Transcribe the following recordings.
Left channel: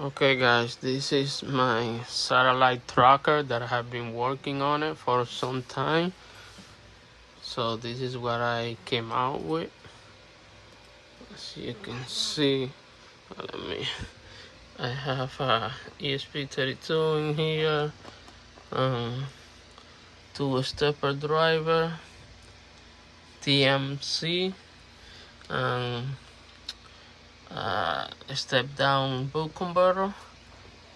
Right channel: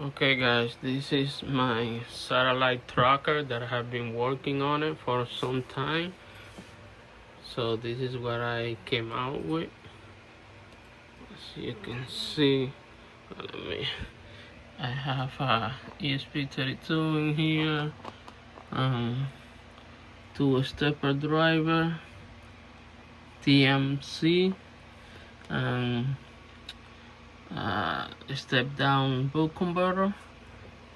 Okay guys, this is my satellite tracker that I have been working on it for some time. So this is what I came out with. As you can see, I have a ESP-32 in here, two-stepper driver, TMC, and step down boot converter.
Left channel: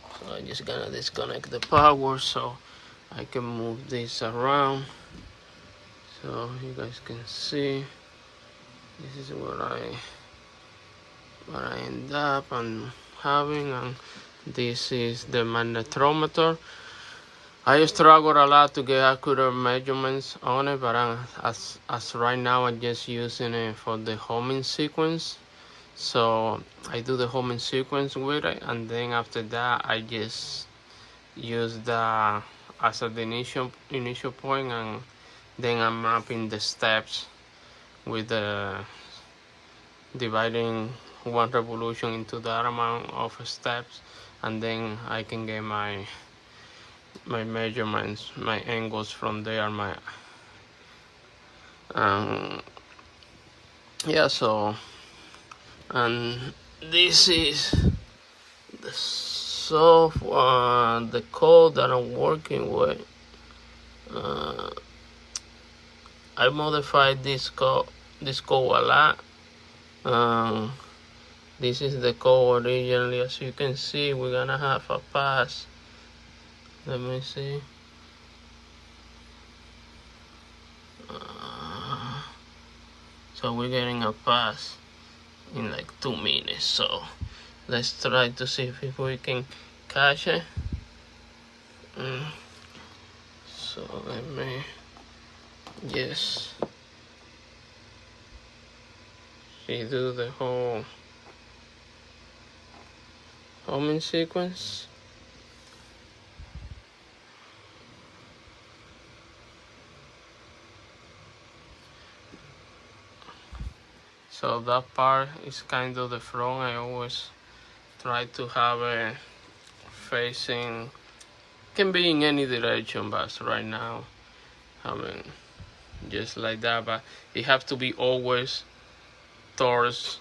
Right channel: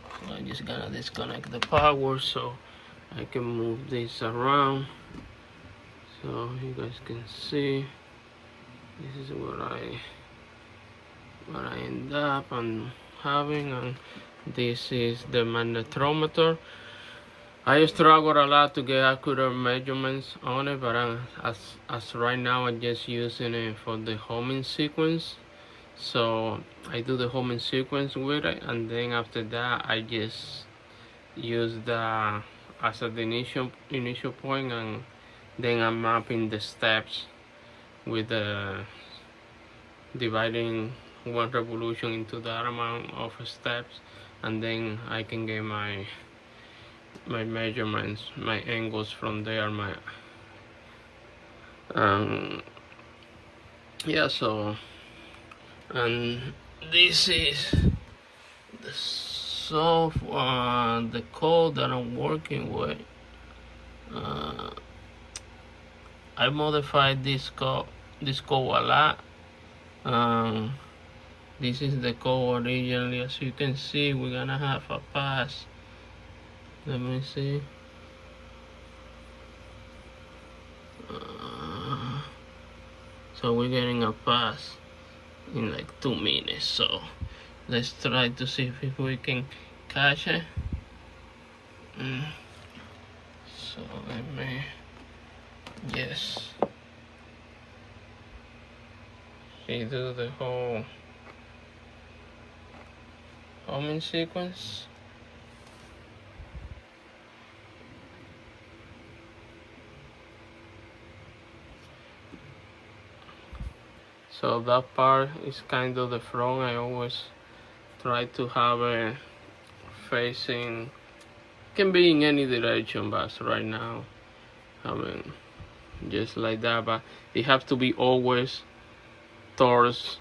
So I'm just gonna disconnect the power so I can move this around so you guys can see. This is what I end up and having, and this is the magnetometer. I struggled a lot to get accurate measurements on it, but as right now I'm just using it for the homing sequence. So I do the homing sequence with it, and then after that I just use the as the initial point, and then I'm mapping the steps with the dividing one revolution into that amount of steps, and then I can get my measurements, my angles from there. So and this is the software, the code that I'm working with. I modified this code a lot. This is the code originally. As you can see, we're gonna have a pass. Let me see. So we're getting a pass in like 2 minutes. So let's try to see if we can catch it. So let me just redo the whole homing sequence. So that part is kind of the front. I always try to have it facing, can be in any direction, but right now just like that, but it has to be always towards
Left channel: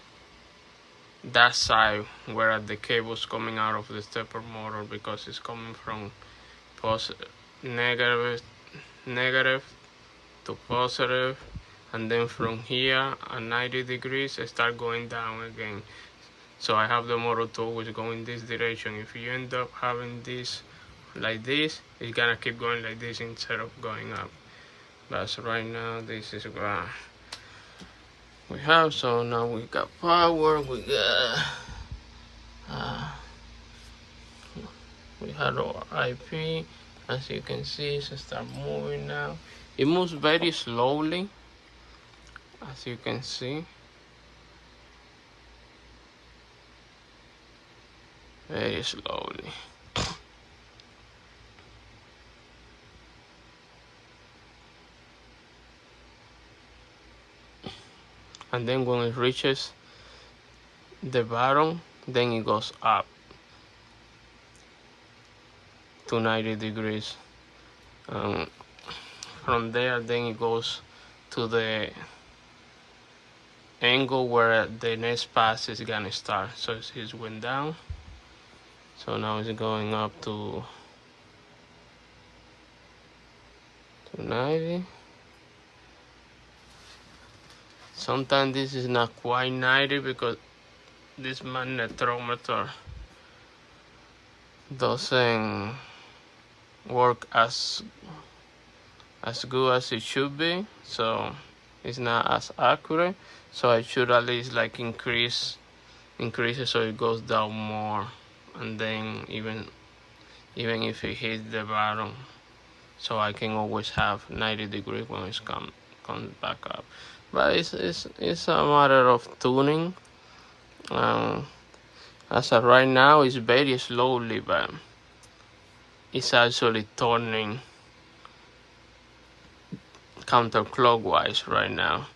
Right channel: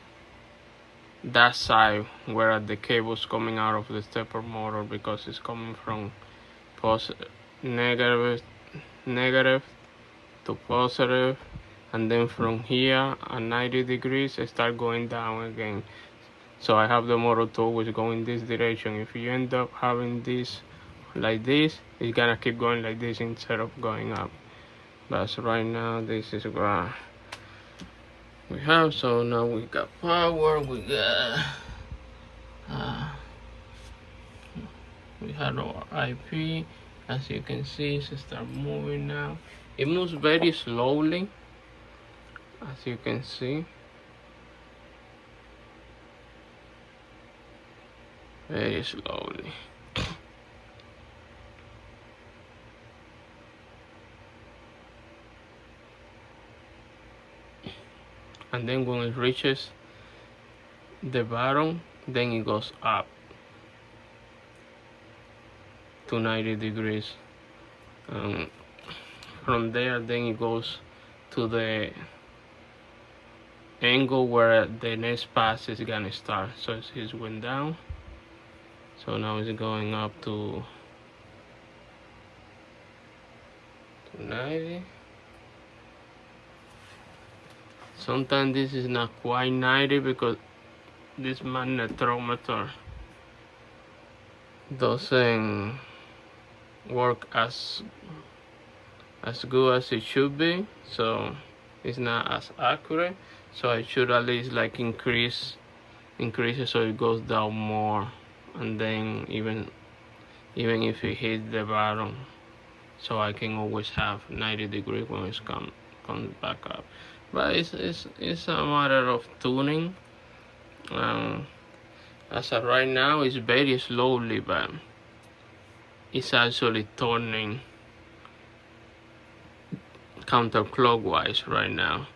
that side where the cable's coming out of the stepper motor, because it's coming from negative to positive, and then from here at 90 degrees I start going down again. So I have the motor always going this direction. If you end up having this like this, it's gonna keep going like this instead of going up. But right now this is what we have. So now we got power, we got we had our IP. As you can see, it start moving now. It moves very slowly, as you can see. Very slowly. And then when it reaches the bottom, then it goes up to 90 degrees. From there, then it goes to the angle where the next pass is gonna start. So it went down. So now it's going up to 90. Sometimes this is not quite 90 because this magnetometer doesn't work as good as it should be, so it's not as accurate. So I should at least like increase it so it goes down more, and then even if it hits the bottom, so I can always have 90 degrees when it comes back up. But it's a matter of tuning. As of right now, it's very slowly, but it's actually turning counterclockwise right now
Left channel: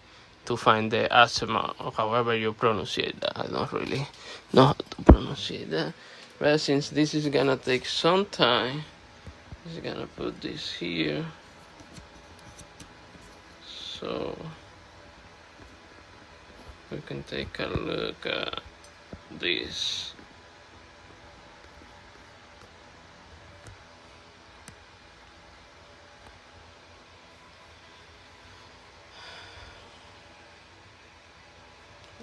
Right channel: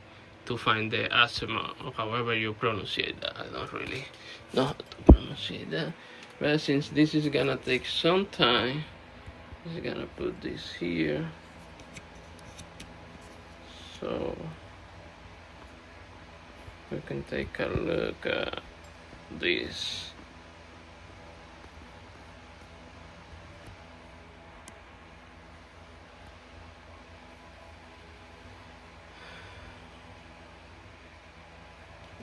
to find the azimuth, or however you pronounce it. I don't really know how to pronounce that. But since this is gonna take some time, I'm just gonna put this here. So we can take a look at this.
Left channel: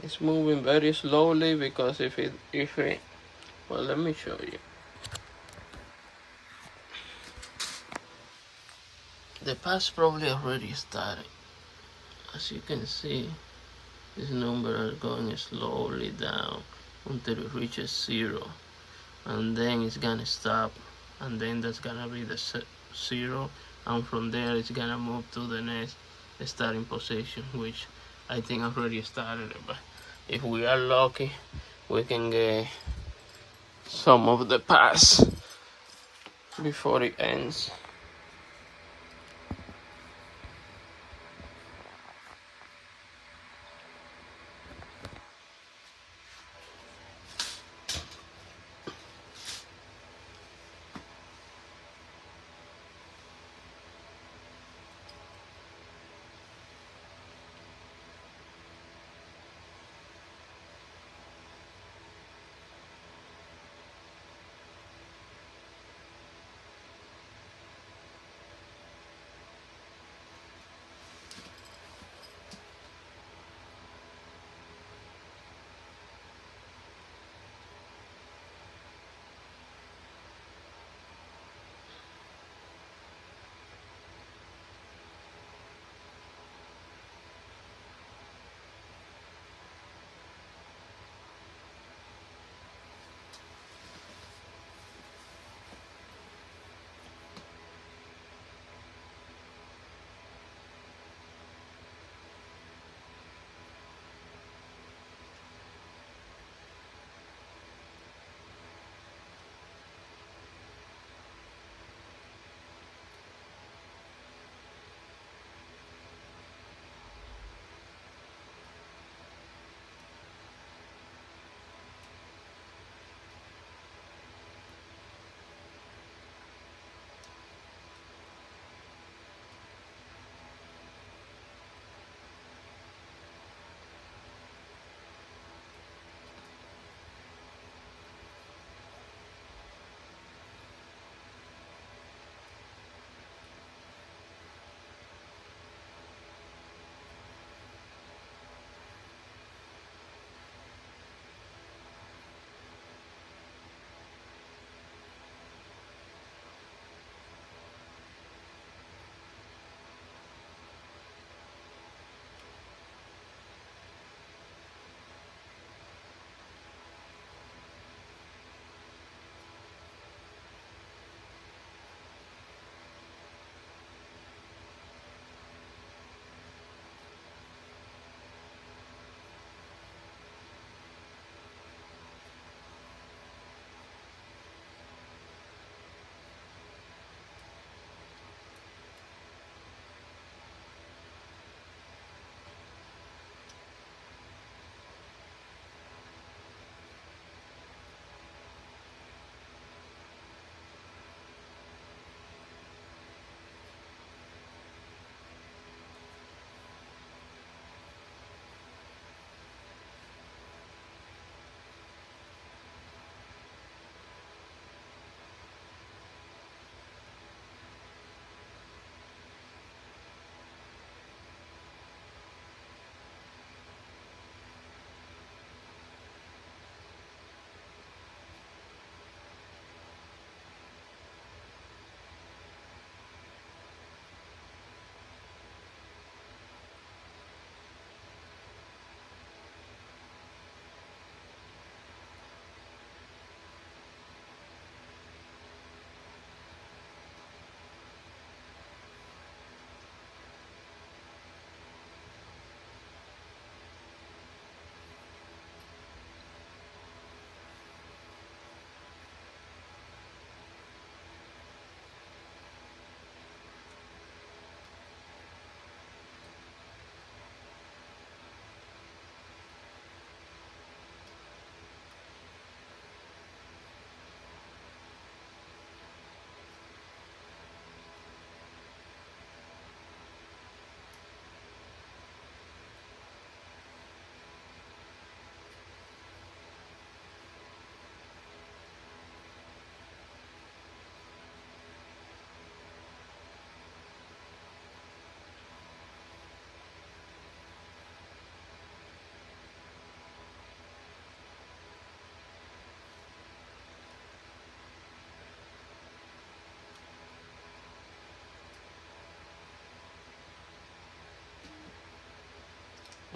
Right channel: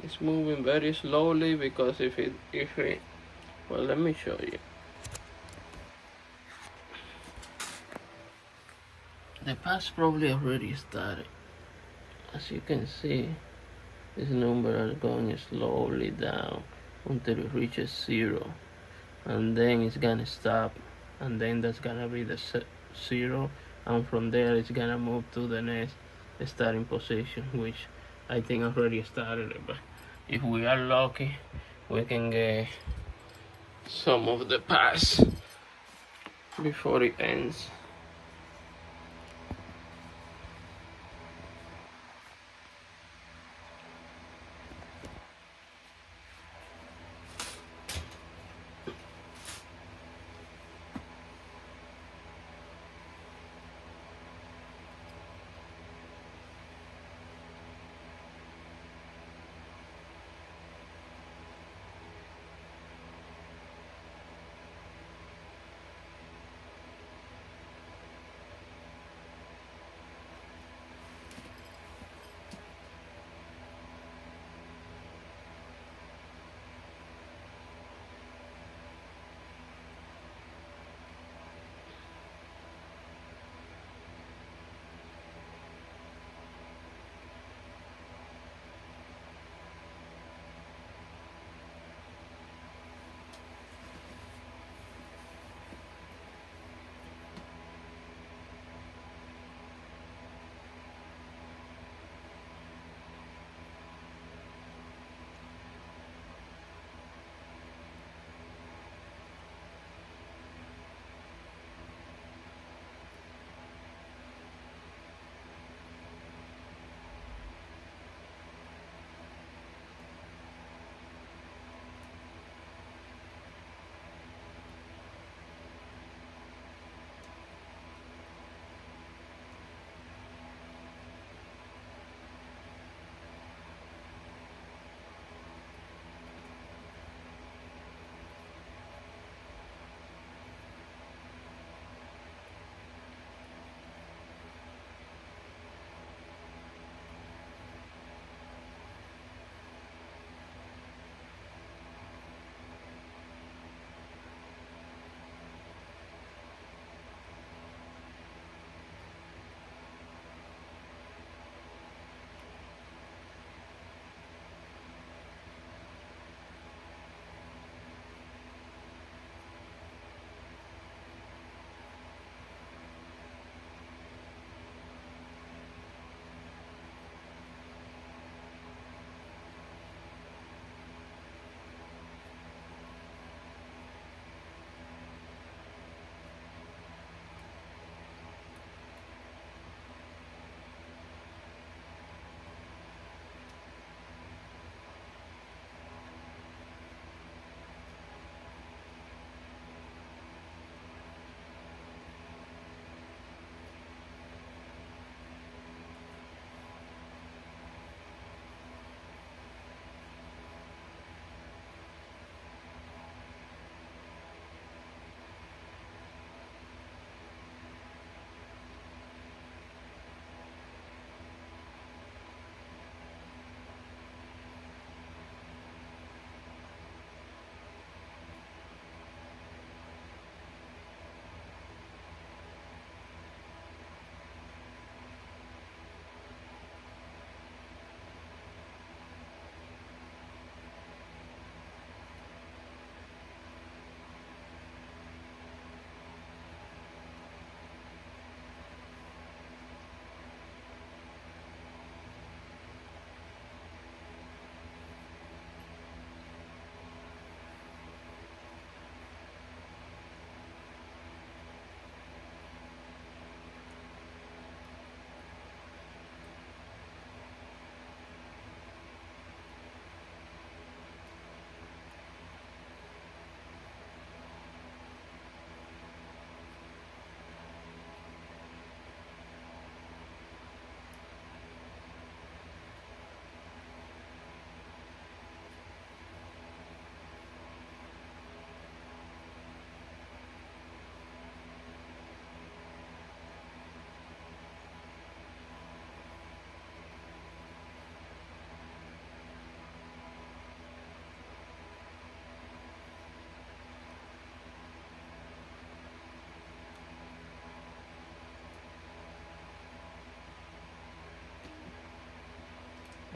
It's moving very slowly because if it, well, let me show you. The pass probably already started. As you can see, this number are going slowly down until it reaches 0. And then it's gonna stop. And then that's gonna be the 0. And from there, it's gonna move to the next starting position, which I think already started. But if we are lucky, we can get some of the pass before it ends.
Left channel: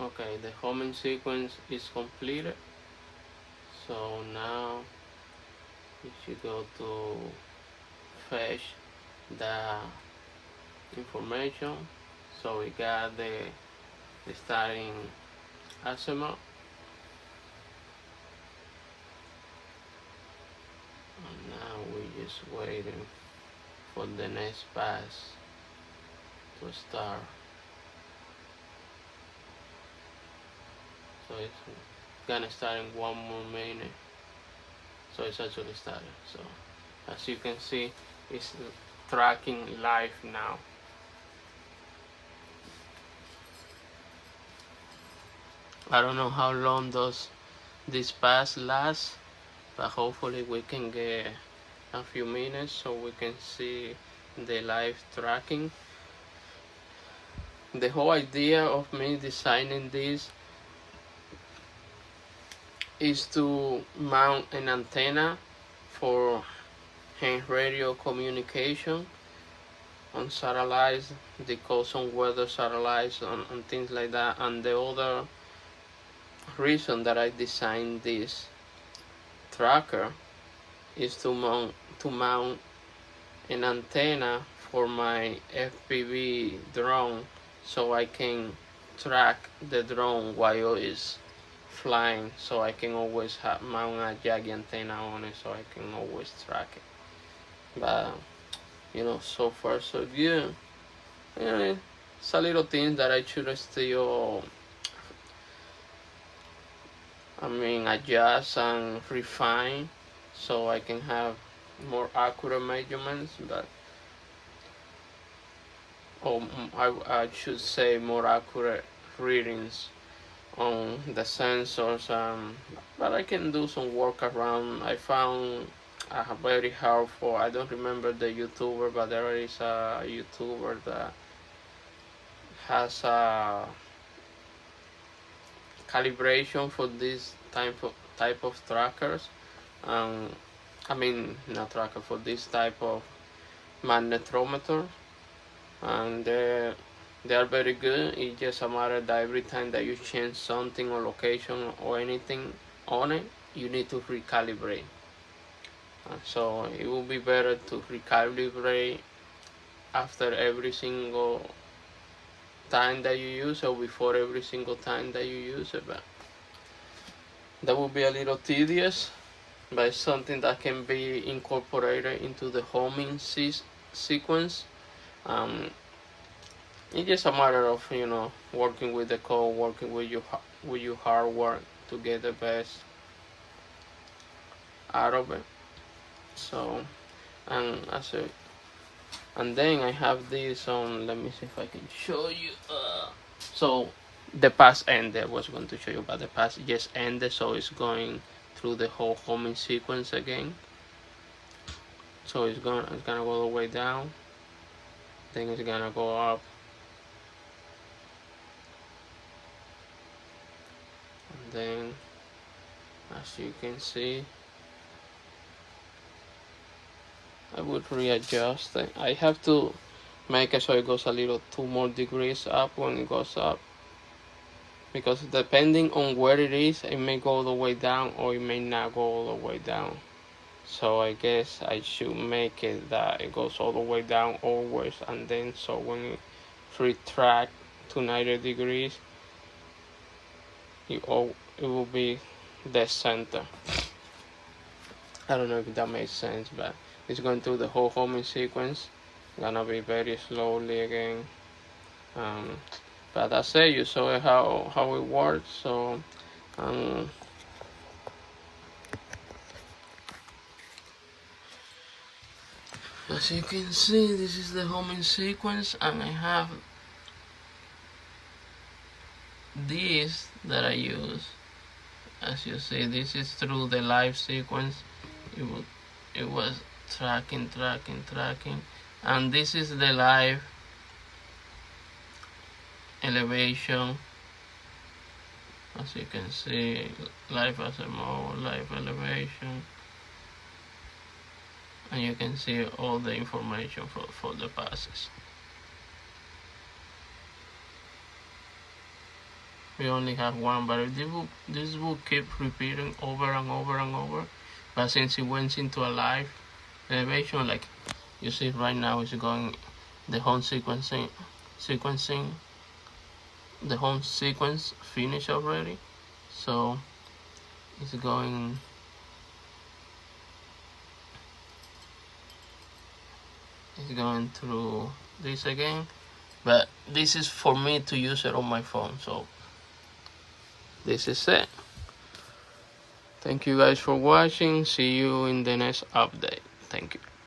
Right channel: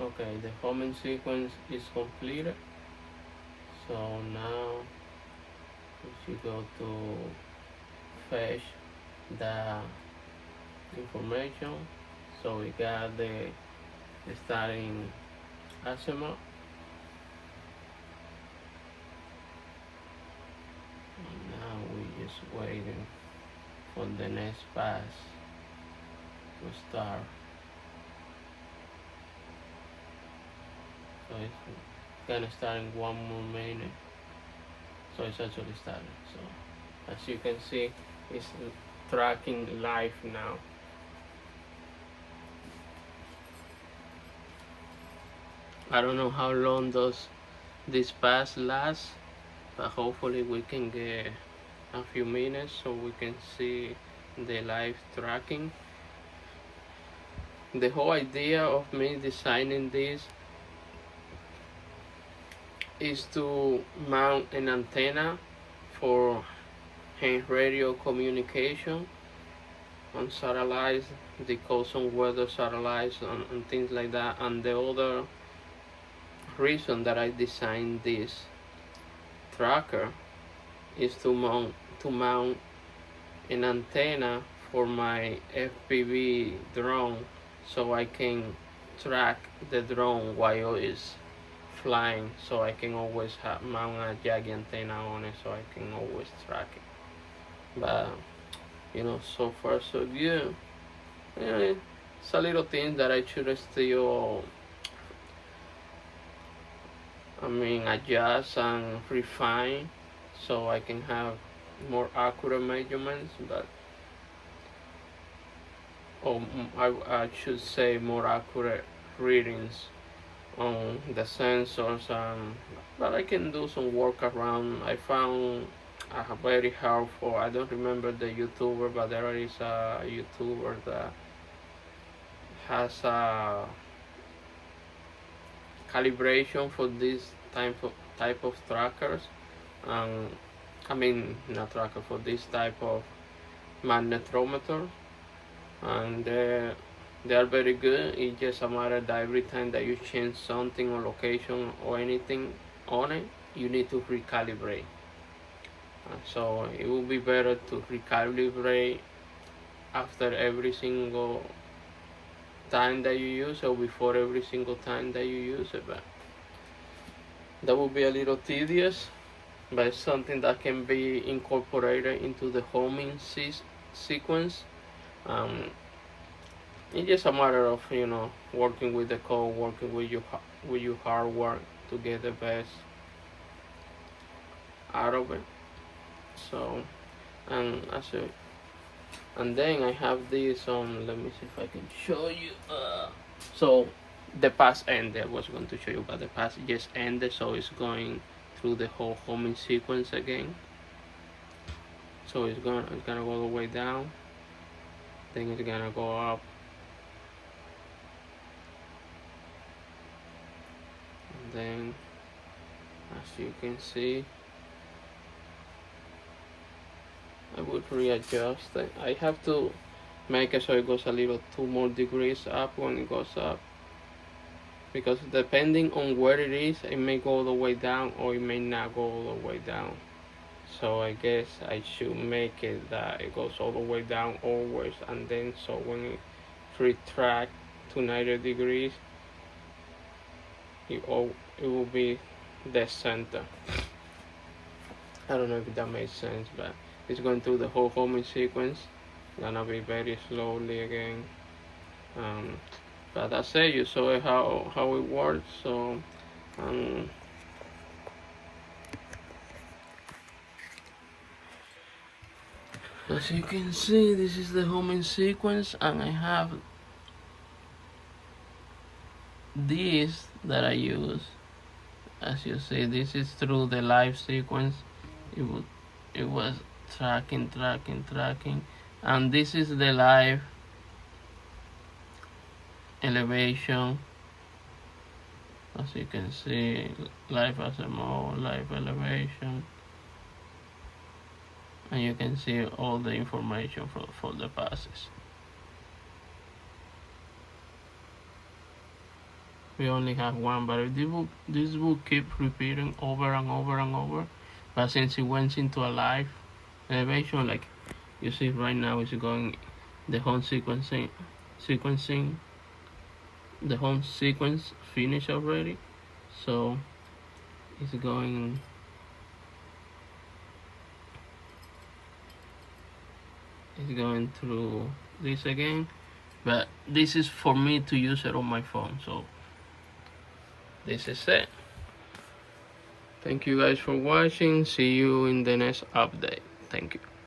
Okay, the homing sequence is completed. So now we should go to fetch the information. So we got the starting azimuth, and now we're just waiting for the next pass to start. So it's gonna start in 1 more minute. So it's actually started. So as you can see, it's tracking live now. I don't know how long does this pass last, but hopefully we can get a few minutes so we can see the live tracking. The whole idea of me designing this is to mount an antenna for hand radio communication on satellites, the coast on weather satellites, on things like that. And the other reason that I designed this tracker is to mount an antenna for my FPV drone, so I can track the drone while it's flying, so I can always mount a jagged antenna on it, so I can always track it. But you know, so far so good. Yeah, it's a little thing that I should still, adjust and refine, so I can have more accurate measurements. But I should say more accurate readings on the sensors. But I can do some work around. I found very helpful. I don't remember the YouTuber, but there is a YouTuber that has a calibration for this type of trackers. Not tracker, for this type of magnetometers, and they are very good. It's just a matter that every time that you change something or location or anything on it, you need to recalibrate. So it will be better to recalibrate after every single time that you use, or before every single time that you use it. But that will be a little tedious, but it's something that can be incorporated into the homing sequence. It's just a matter of, working with the code, working with your hardware to get the best out of it. So, and then I have this on. Let me see if I can show you. So the pass ended. I was going to show you, but the pass just ended. So it's going through the whole homing sequence again. So it's gonna go all the way down. Then it's gonna go up. And then, as you can see, I would readjust it. I have to make it so it goes a little 2 more degrees up when it goes up, because depending on where it is, it may go all the way down or it may not go all the way down. So I guess I should make it that it goes all the way down always, and then so when it retract to 90 degrees, it will be the center. I don't know if that makes sense, but it's going through the whole homing sequence. Gonna be very slowly again. But that's it. You saw how it works. So as you can see, this is the homing sequence, and I have this that I use. As you see, this is through the live sequence. It was tracking, and this is the live elevation. As you can see, live azimuth, live elevation, and you can see all the information for the passes. we only have one, but if this will keep repeating over and over and over. But since it went into a live elevation, like you see right now, it's going the home sequencing, the home sequence finished already, so it's going through this again. But this is for me to use it on my phone, so this is it. Thank you guys for watching. See you in the next update. Thank you.